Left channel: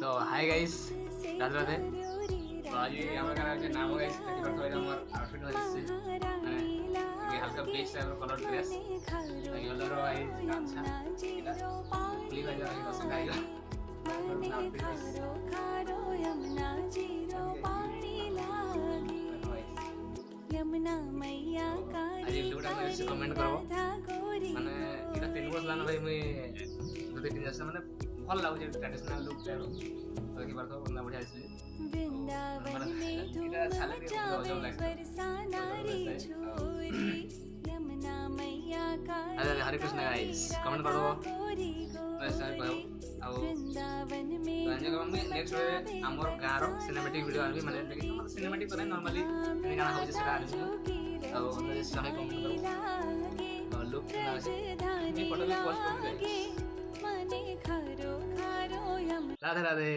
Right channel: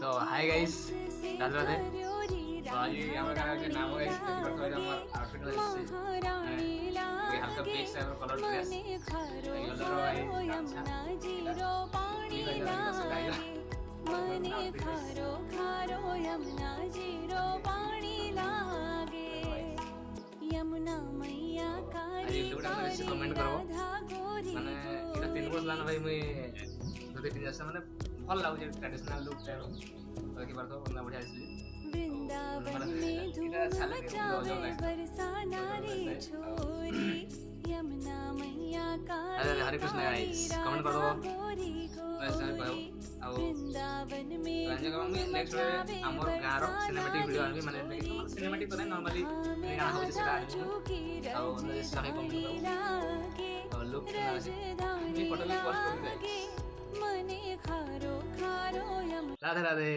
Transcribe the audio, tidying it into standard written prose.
तो hi guys, Radhe Radhe. तो आज আমার গানে যে নাম গাইস দেখতে পারতো এটা আমার আউটফিট হচ্ছে মানে এই হালকা বেজ টাইপের কালার ড্রেস ইয়েলোর ভাই গামছা এটা খুলি ভাই আমি বসে গাইলা আউটফিট आज लुकटा मैं से कमेंट करबो माने इटा तीन वर्ष लाना भाई मुई যদি তিন আসছে মানে ভাল লাগুছে ট্র্যাডিশনাল লুক টাইপ দেখি পারতো বন্ধা বঢ়িয়া আসছে মানে এটা ছালে কে অজব লাগছে अरे हरे कृष्ण गाइस कमेंट कर दो वैसे कहू आ रंजन का मैं नेक्स्ट वे हमर गार सिनेमैटिक वीडियो आनी माने सिनेमैटिक करे नॉर्मली एनी गाना होजे सेटा आनी आ ओने सही कमेंट करो लुक ना से मैं फोटो भी पोस्ट कर गाइस राधे राधे।